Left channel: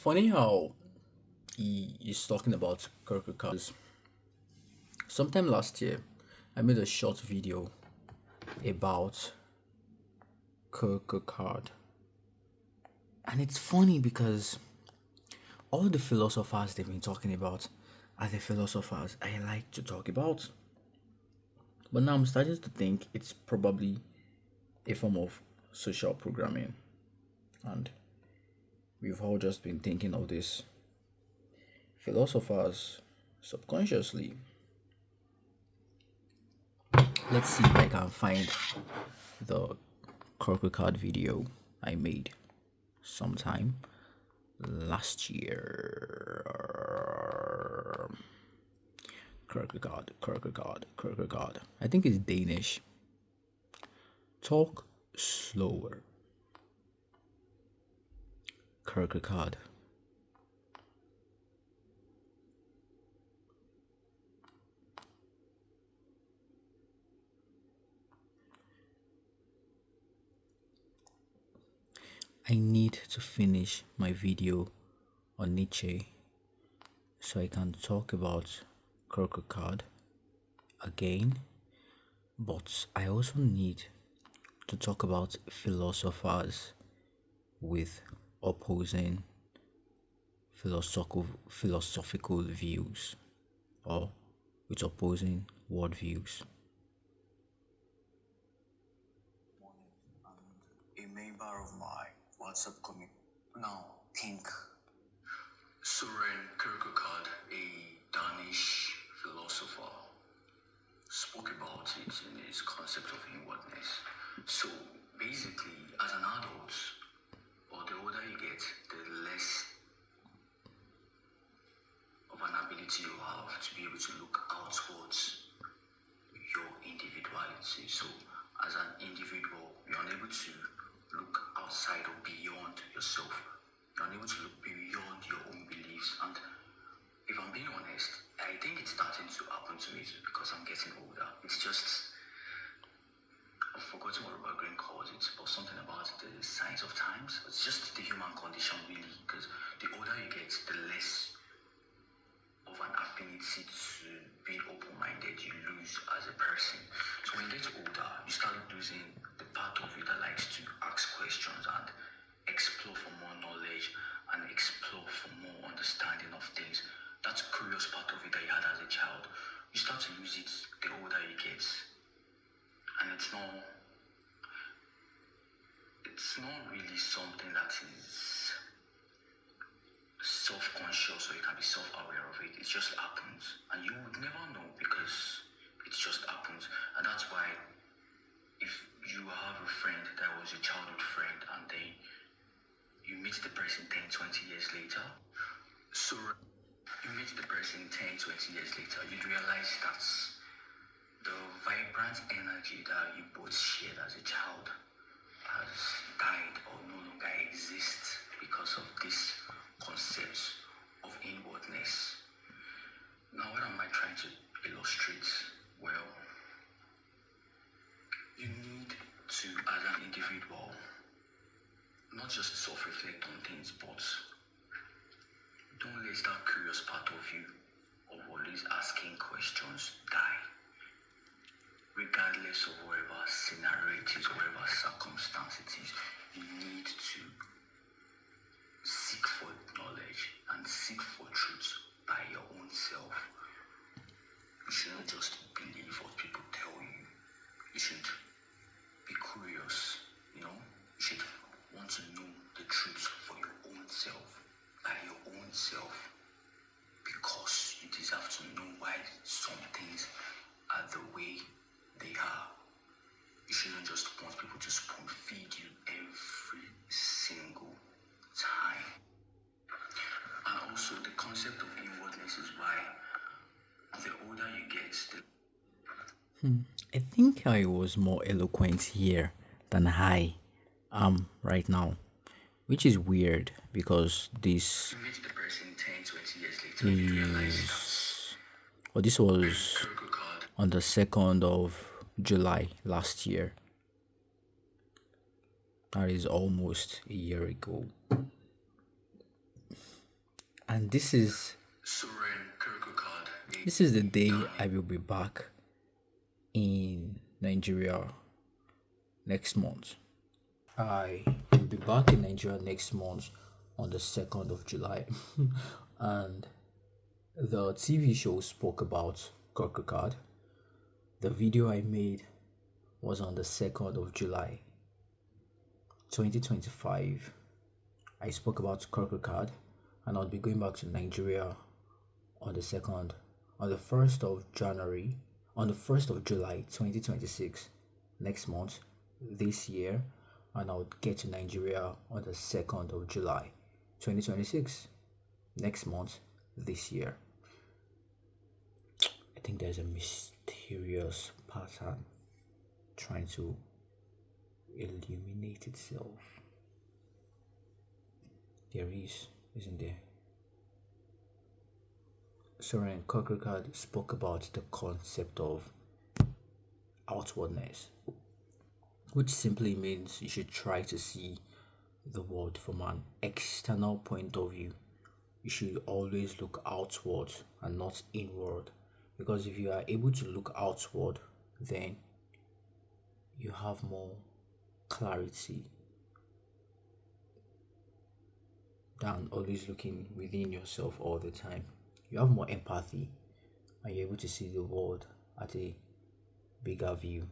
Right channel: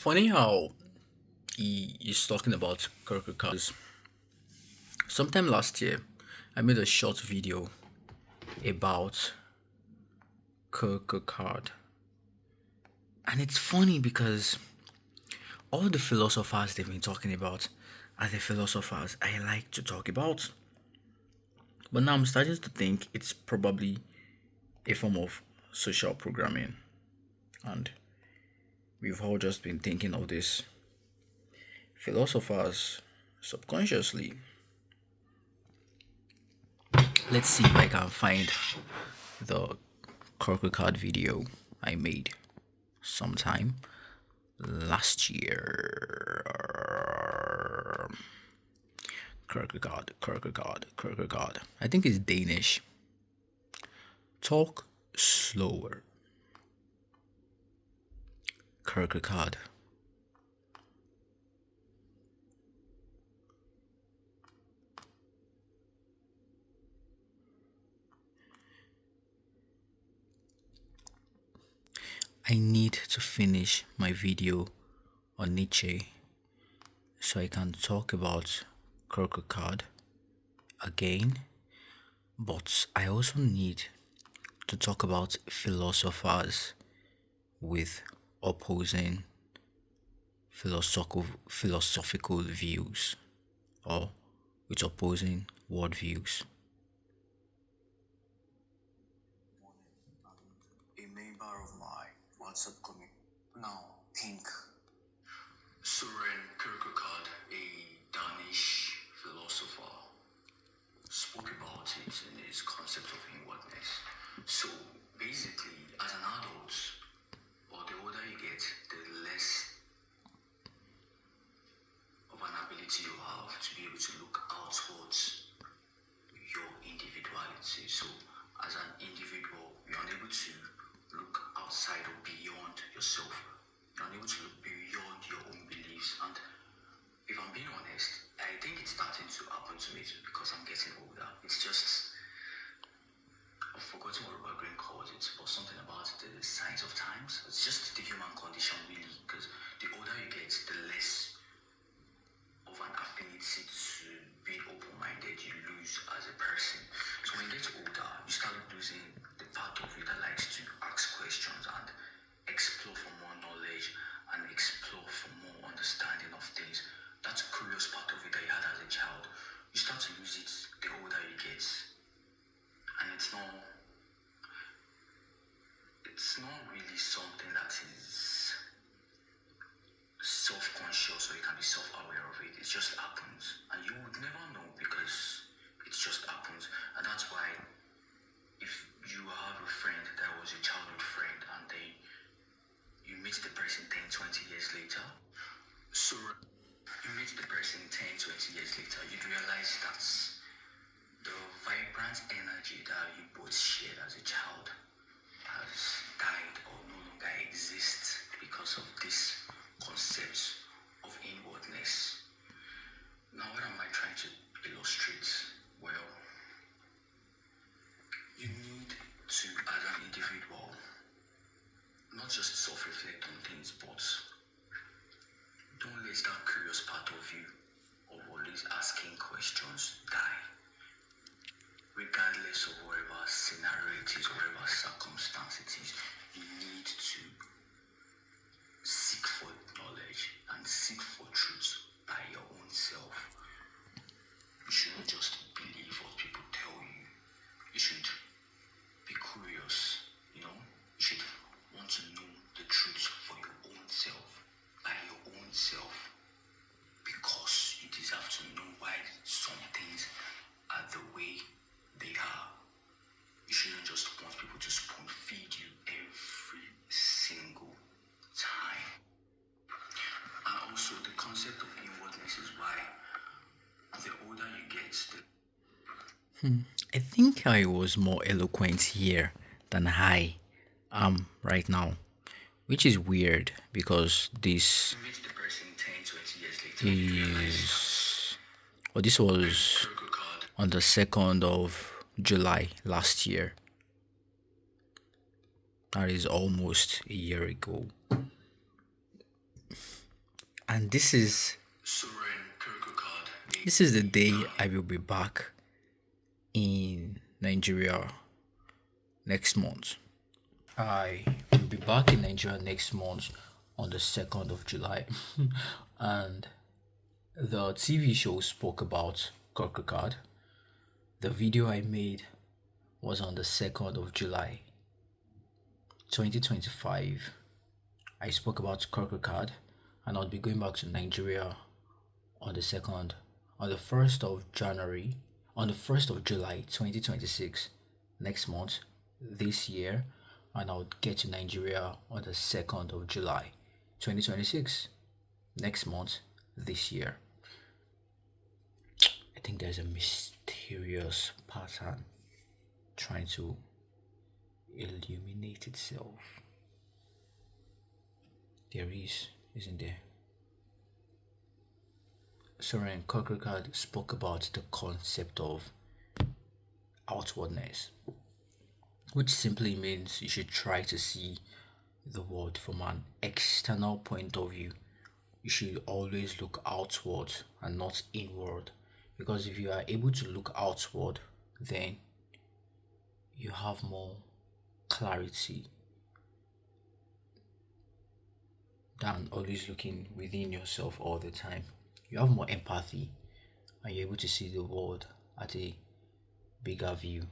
Funny how he is talking about Kierkegaard. Sometime last year, I made a short video about Kierkegaard, and it's funny because all the philosophers they've been talking about are the philosophers I like to talk about. But now I'm starting to think it's probably a form of social programming, and we've all just been thinking of these philosophers subconsciously. Let's see if I can find the Kierkegaard video I made sometime last year. Kierkegaard. I think it's Danish. Talk slower. Kierkegaard. I need to finish my video on Nietzsche so I can talk about Kierkegaard again, but I also need to talk about philosophers with opposing philosophical views or with opposing worldviews. A member of my WhatsApp community now think Søren Kierkegaard, a Danish philosopher, spoke about it in his concept of inwardness. So basically, as an adult, or the older you get, the less of an ability you have to be able to look outwards your individuality. So as an individual, you're unable to look outside or beyond yourself. You're unable to look beyond your own beliefs. And if I'm being honest, I think it's starting to happen to me because I'm getting older. It's just, I've forgotten what Robert Greene calls it, but something about the signs of times. It's just the human condition, really, because the older you get, the less of an affinity to being open-minded you lose as a person. So when you get older, you start losing the part of you that likes to ask questions and explore for more knowledge and explore for more understanding of things. That curious part of you that you had as a child, you start to lose it the older you get. And it's not really something that is self-conscious or you can be self-aware of it. It just happens and you would never know because it just happens. And that's why if you have a friend that was a childhood friend and then you meet the person 10, 20 years later, so you meet the person 10, 20 years later, you'd realize that the vibrant energy that you both shared as a child has died or no longer exists because of this concept of inwardness. Now, what am I trying to illustrate? Well, you need to, as an individual, not just self-reflect on things, but don't let that curious part of you of always asking questions die. Regardless of whatever scenario it is, whatever circumstance it is, you need to seek for knowledge and seek for truth by your own self. You should not just believe what people tell you. You should be curious, you should want to know the truth for your own self, by your own self, because you deserve to know why some things are the way they are. You shouldn't just want people to spoon feed you every single time. And also the concept of inwardness is why the older you get, I think I was more eloquent here than I am right now, which is weird because this you meet the person 10, 20 years later, you realize is, well, this was Kierkegaard on the 2nd of July last year. That is almost a year ago. And Soren Kierkegaard made this is the the day I damning will be back in Nigeria next month. I will be back in Nigeria next month on the 2nd of July. And the TV show spoke about Kierkegaard. The video I made was on the 2nd of July 2025. I spoke about Kierkegaard, and I'll be going back to Nigeria on the 2nd, on the 1st of January, on the 1st of July 2026, next month, this year, and I'll get to Nigeria on the 2nd of July 2026, next month, this year. I think there's a mysterious pattern trying to illuminate itself. There is, isn't there? Soren Kierkegaard spoke about the concept of outwardness, which simply means you should try to see the world from an external point of view. You should always look outward and not inward, because if you are able to look outward, then you have more clarity than always looking within yourself all the time. You have more empathy and you're able to see the world at a bigger view